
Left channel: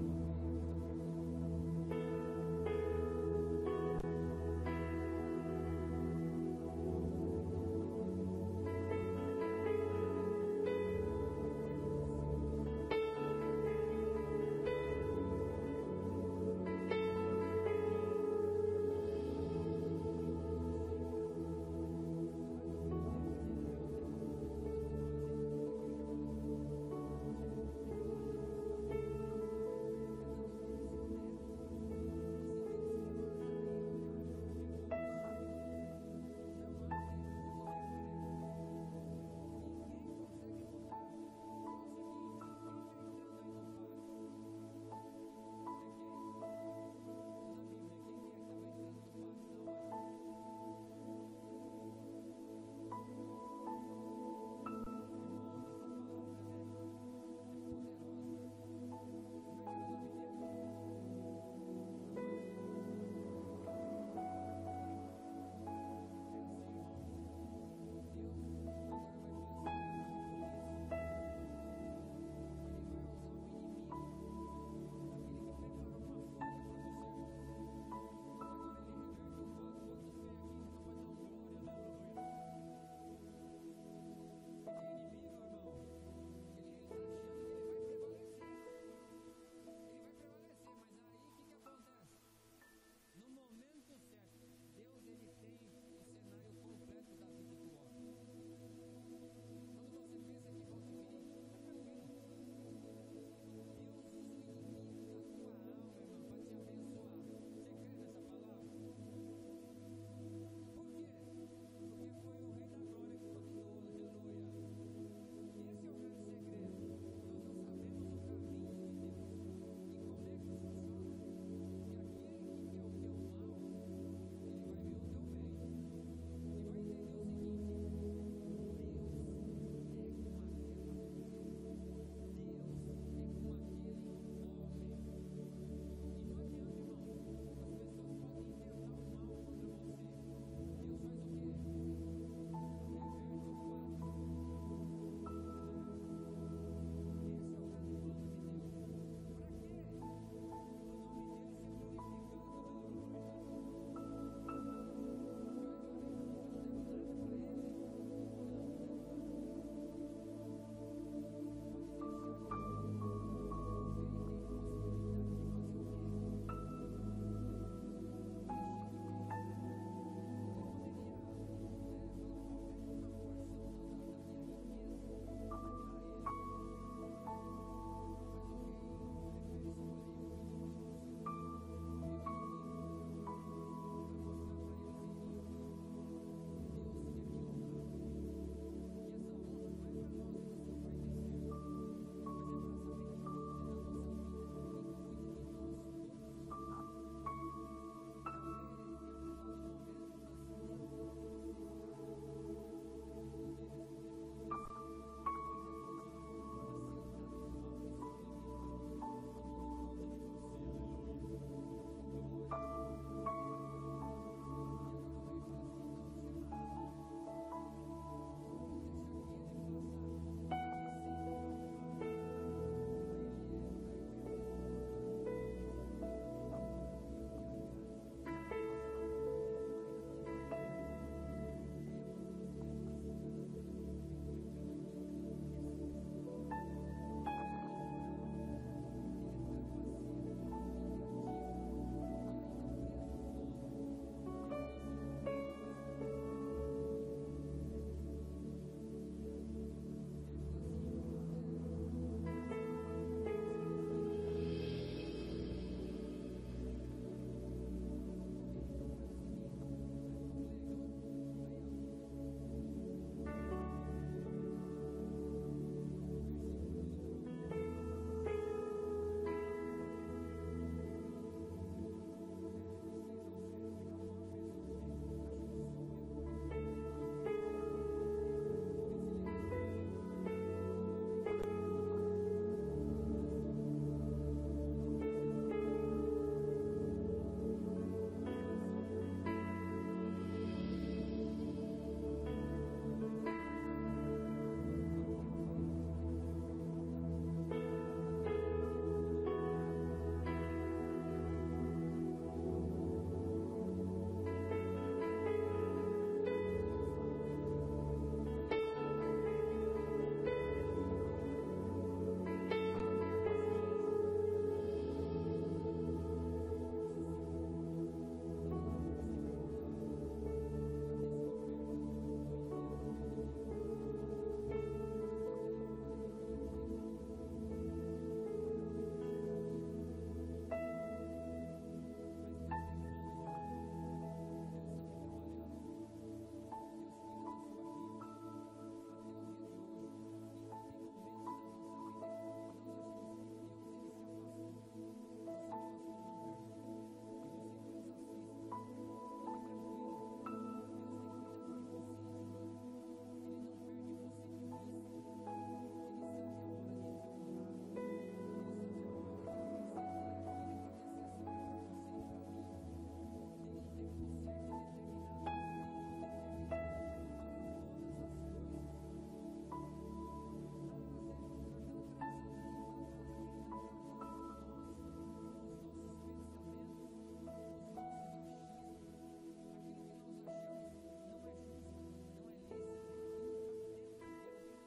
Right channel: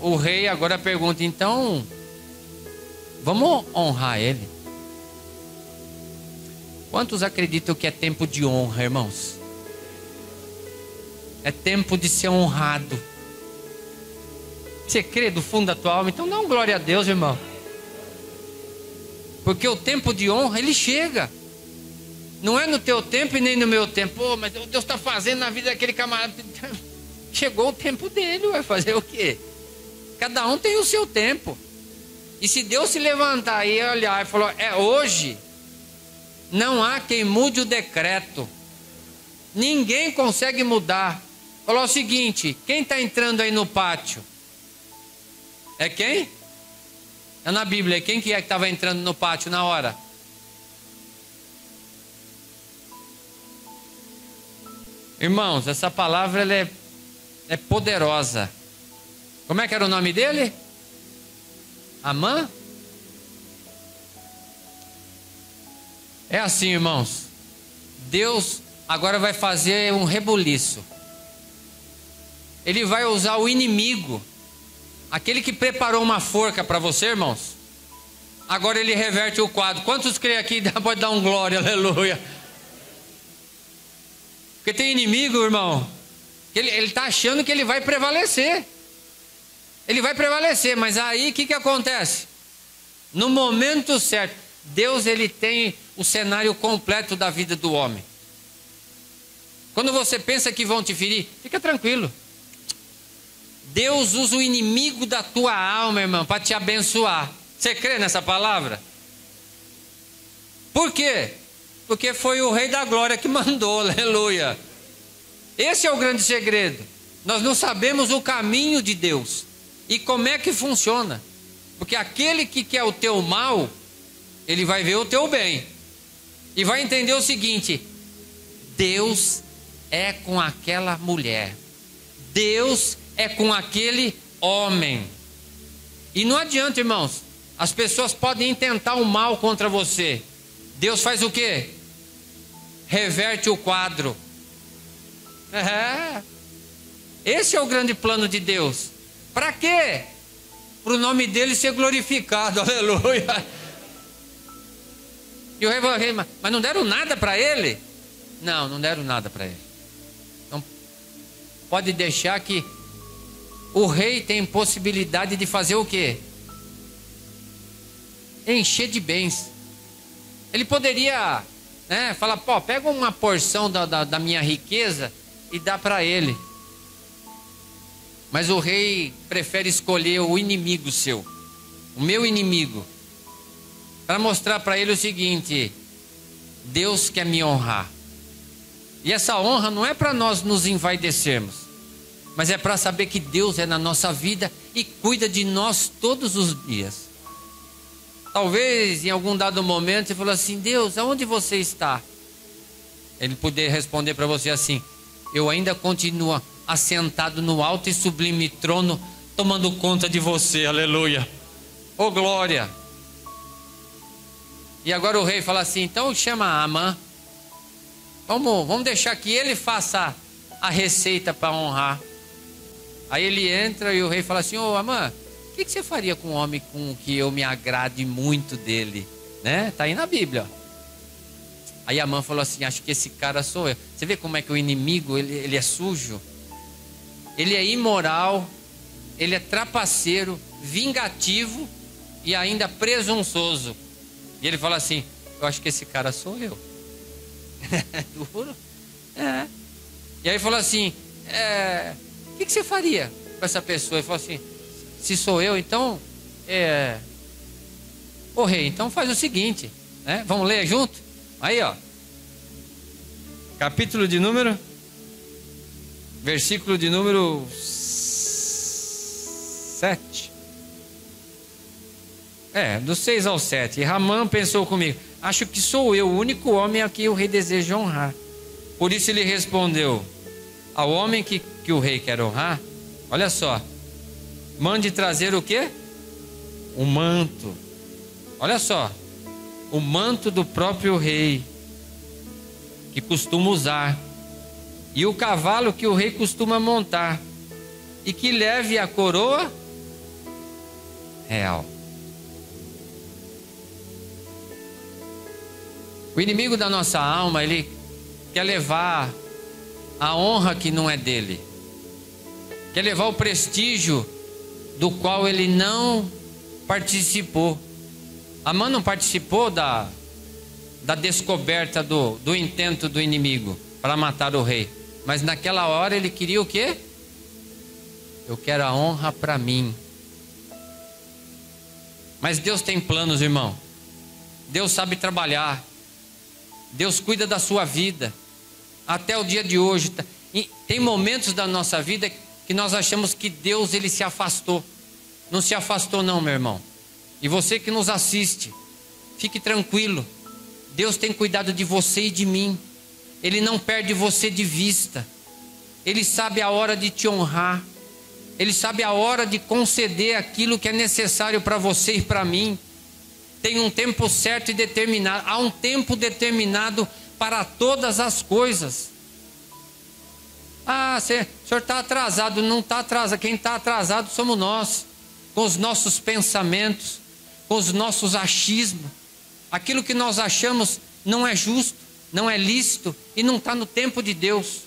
O rei agora pergunta, então, vamos honrar ele? Quantos acreditam que é tempo de honra, irmãos? É tempo de ser honrado. Você crê do fundo da tua alma? Então dá um glória a Deus, irmão. Porque o tempo de honra, ele chega. Não é no teu tempo e nem no meu tempo. Pô, mas Deus está fazendo na vida daquele camarada. Chegou o tempo dele, vai fazer o quê? Cada um tem o seu tempo. E se Deus se levantar e olhar e falar, é hoje, não há quem mude o decreto. Ninguém consegue mudar. Falou o seguinte, quem está entrando aí no pátio? É quem? É na Bíblia, quem que estava entrando no pátio na hora? Irmãos, essa palavra ela é poderosa. Como é que era o nome dele? Amã? É assim, irmãos. Deus agora vai fazer um rebuliço. Ele vai usar o inimigo. Aquele que preparou uma forca para você, irmãos. Agora ele reverte o quadro. Quantos creem aqui? Pode dar um glória, aleluia. Porque tem inimigo, irmão, que ele está achando que ele vai prevalecer. Ele vai prevalecer, mas aí o que acontece? No momento certo, Deus ele tem o cenário completo da vida do homem. Quando você pensa que vão te ferir, fica tranquilo. Deus usa o inimigo da tua alma, irmão, para te abençoar. Você crê nessa palavra? Por quê? Porque foi o Rei da Glória que mandou, aleluia. Esse é o grande segredo. Nós não sabemos o caminho de Deus. E como é que funciona? Porque aquele que quer o teu mal, ele vai ver o teu bem. E vai entender o seguinte: Deus é com aquela mulher. Deus é com aquele homem. E não adianta, irmãos. As pessoas podem intentar o mal contra você. Deus faz o quê? Reverte o quadro. Esse é o grande plano de Deus. Para quê? Para o nome dele ser glorificado. Aleluia. E o rei falou: mas não deram nada para ele? Não, não deram nada para ele. Então, pode deixar que o rei tem possibilidade de fazer o quê? Encher de bens. Ele poderia, falar: pô, pega uma porção da minha riqueza e dá para ele. Mas o rei prefere escolher o inimigo seu, o meu inimigo, para mostrar para ele o seguinte: Deus quer me honrar. E essa honra não é para nós nos envaidecermos, mas é para saber que Deus é na nossa vida e cuida de nós todos os dias. Talvez em algum dado momento você falou assim: Deus, aonde você está? Ele poder responder para você assim: eu ainda continuo assentado no alto e sublime trono, tomando conta de você. Aleluia. Oh, glória. E agora o rei fala assim: então chama Amã. Vamos deixar que ele faça a receita para honrar. Aí ele entra e o rei fala assim: ô Amã, o que você faria com um homem com que eu me agrade muito dele? Tá aí na Bíblia. Aí Amã falou assim: acho que esse cara sou eu. Você vê como é que o inimigo, ele é sujo? Ele é imoral, ele é trapaceiro, vingativo e ainda presunçoso. E ele fala assim: eu acho que esse cara sou eu. Duro? E aí falou assim: o que você faria com essa pessoa? Ele falou assim: se sou eu, então ô rei, então faz o seguinte, vamos ler junto? Aí, ó, capítulo de número, versículo de número 7. Do 6 ao 7. E Ramã pensou comigo: acho que sou eu o único homem a quem o rei deseja honrar. Por isso ele respondeu ao homem que o rei quer honrar: olha só, mande trazer o quê? O manto. Olha só, o manto do próprio rei, que costuma usar, e o cavalo que o rei costuma montar, e que leve a coroa real. O inimigo da nossa alma, ele quer levar a honra que não é dele, quer levar o prestígio do qual ele não participou. Amã não participou da descoberta do intento do inimigo para matar o rei, mas naquela hora ele queria o quê? Eu quero a honra para mim. Mas Deus tem planos, irmão. Deus sabe trabalhar. Deus cuida da sua vida até o dia de hoje. E tem momentos da nossa vida que nós achamos que Deus, ele se afastou. Não se afastou não, meu irmão. E você que nos assiste, fique tranquilo. Deus tem cuidado de você e de mim. Ele não perde você de vista. Ele sabe a hora de te honrar. Ele sabe a hora de conceder aquilo que é necessário para você e para mim. Tem um tempo certo e determinado. Há um tempo determinado para todas as coisas. O senhor está atrasado. Não está atrasado. Quem está atrasado somos nós. Com os nossos pensamentos, com os nossos achismos. Aquilo que nós achamos não é justo, não é lícito e não está no tempo de Deus.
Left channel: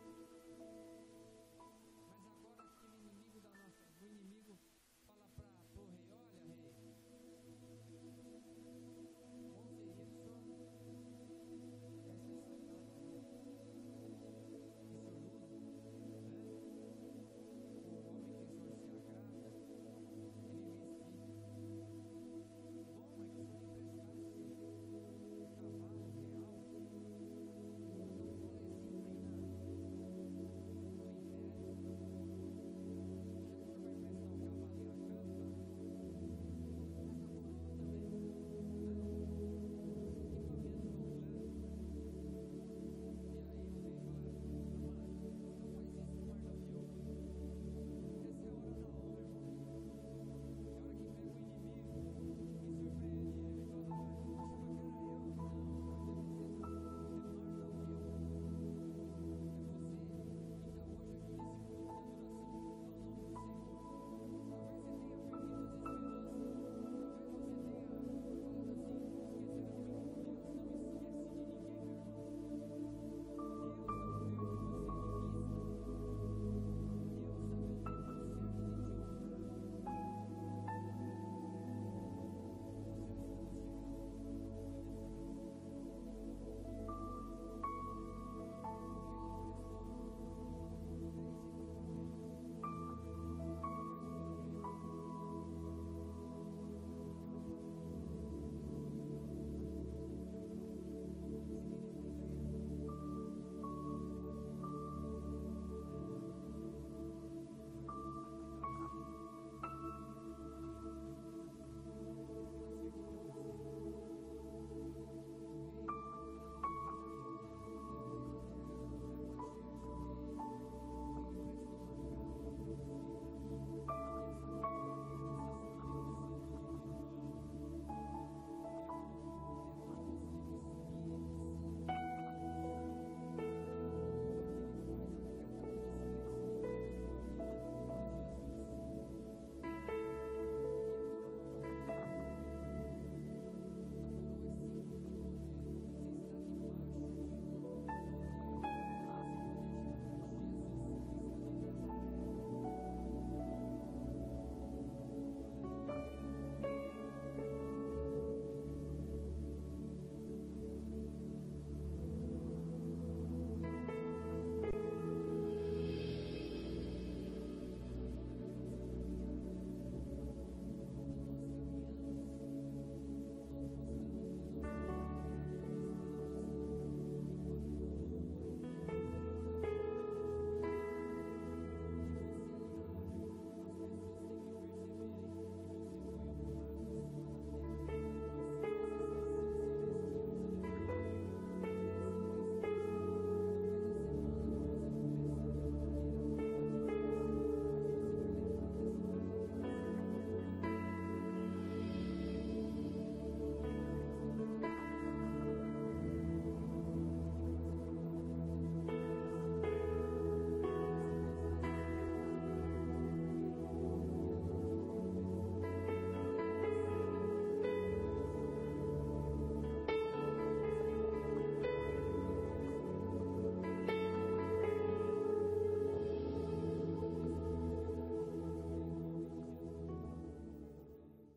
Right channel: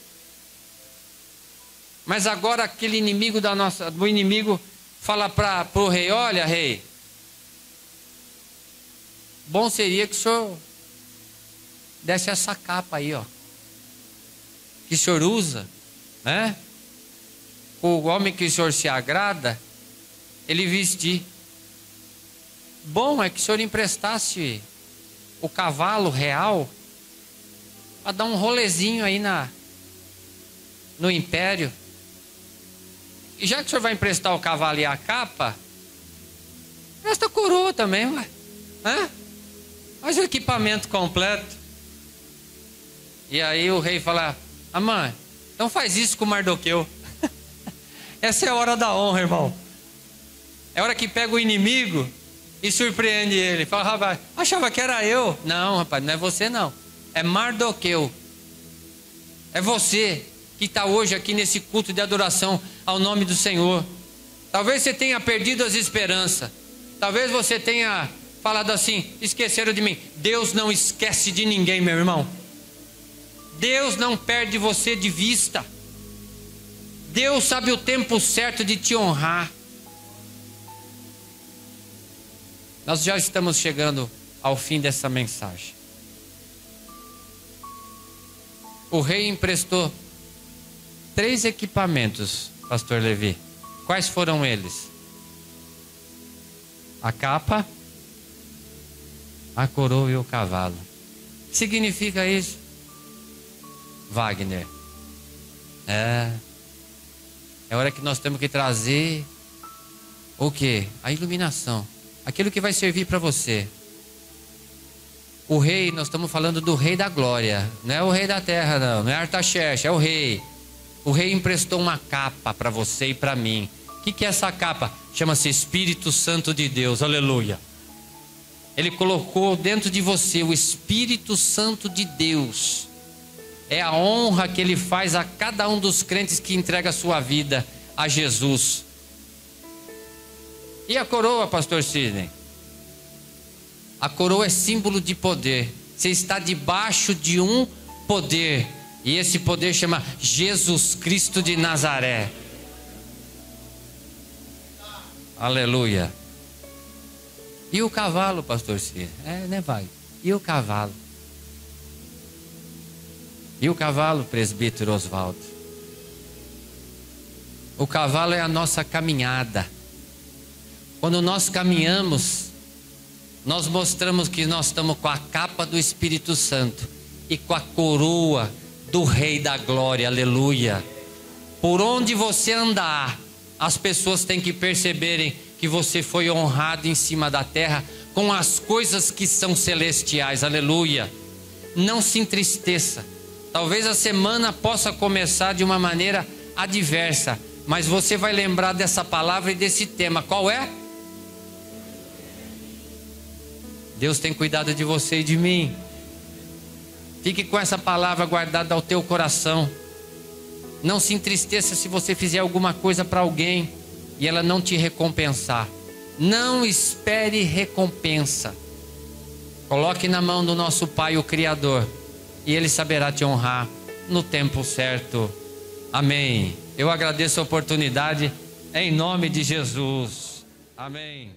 Mas agora aquele inimigo do inimigo fala para o rei: olha, rei, bom seria que o senhor desse essa capa aí, ó, que o senhor usa, o homem que o senhor se agrada, ele vestir. Bom é que o senhor emprestasse o cavalo real para dar um rolezinho aí no império. E já que o senhor vai emprestar o cavalo e a capa, Presta coroa também, ué. Hã? Faz o equipamento completo. E aí o rei fala: ah, mãe, então faz isso com Mardoqueu. Essa é a hora da honra, irmão. É a hora que pega o inimigo e surpreende ele. Fala: rapaz, achava que era eu. Não, rapaz, não é você não. É Mardoqueu. É você que está hoje aqui nesse culto de adoração ao nome do Senhor. Talvez você tenha perdido as esperanças. Talvez você tenha falado assim: esqueceram de mim. Deus não esquece de ninguém, meu irmão. Deus não perde você de vista. Deus sabe o tempo certo de te honrar. Nós já estamos chegando ao fim dessa mensagem. O rei emprestou 3 equipamentos, pastor Levi. Quais foram eles? A capa, a coroa e o cavalo. O que significa isso, Wagner? É hora que nós temos que trazer o quê? A iluminação. Aquilo que vai servir para você. O rei, nós estamos falando do rei da glória. Não é o rei da terra, não. Não é Artaxerxes, é o rei. O rei emprestou uma capa para você e para mim. O que é essa capa? Chama-se Espírito Santo de Deus. Aleluia. Ele colocou dentro de você o Espírito Santo de Deus. É a honra que ele faz a cada um dos crentes que entrega a sua vida a Jesus. E a coroa, pastor Sidney? A coroa é símbolo de poder. Você está debaixo de um poder. E esse poder chama Jesus Cristo de Nazaré. Aleluia. E o cavalo, pastor Sidney? Né, vai? E o cavalo? E o cavalo, presbítero Oswaldo? O cavalo é a nossa caminhada. Quando nós caminhamos, nós mostramos que nós estamos com a capa do Espírito Santo e com a coroa do Rei da Glória, aleluia. Por onde você andar, as pessoas têm que perceberem que você foi honrado em cima da terra com as coisas que são celestiais, aleluia. Não se entristeça. Talvez a semana possa começar de uma maneira adversa, mas você vai lembrar dessa palavra e desse tema. Qual é? Deus tem cuidado de você e de mim. Fique com essa palavra guardada ao teu coração. Não se entristeça se você fizer alguma coisa para alguém e ela não te recompensar. Não espere recompensa. Coloque na mão do nosso Pai, o Criador, e Ele saberá te honrar no tempo certo. Amém. Eu agradeço a oportunidade em nome de Jesus. Amém.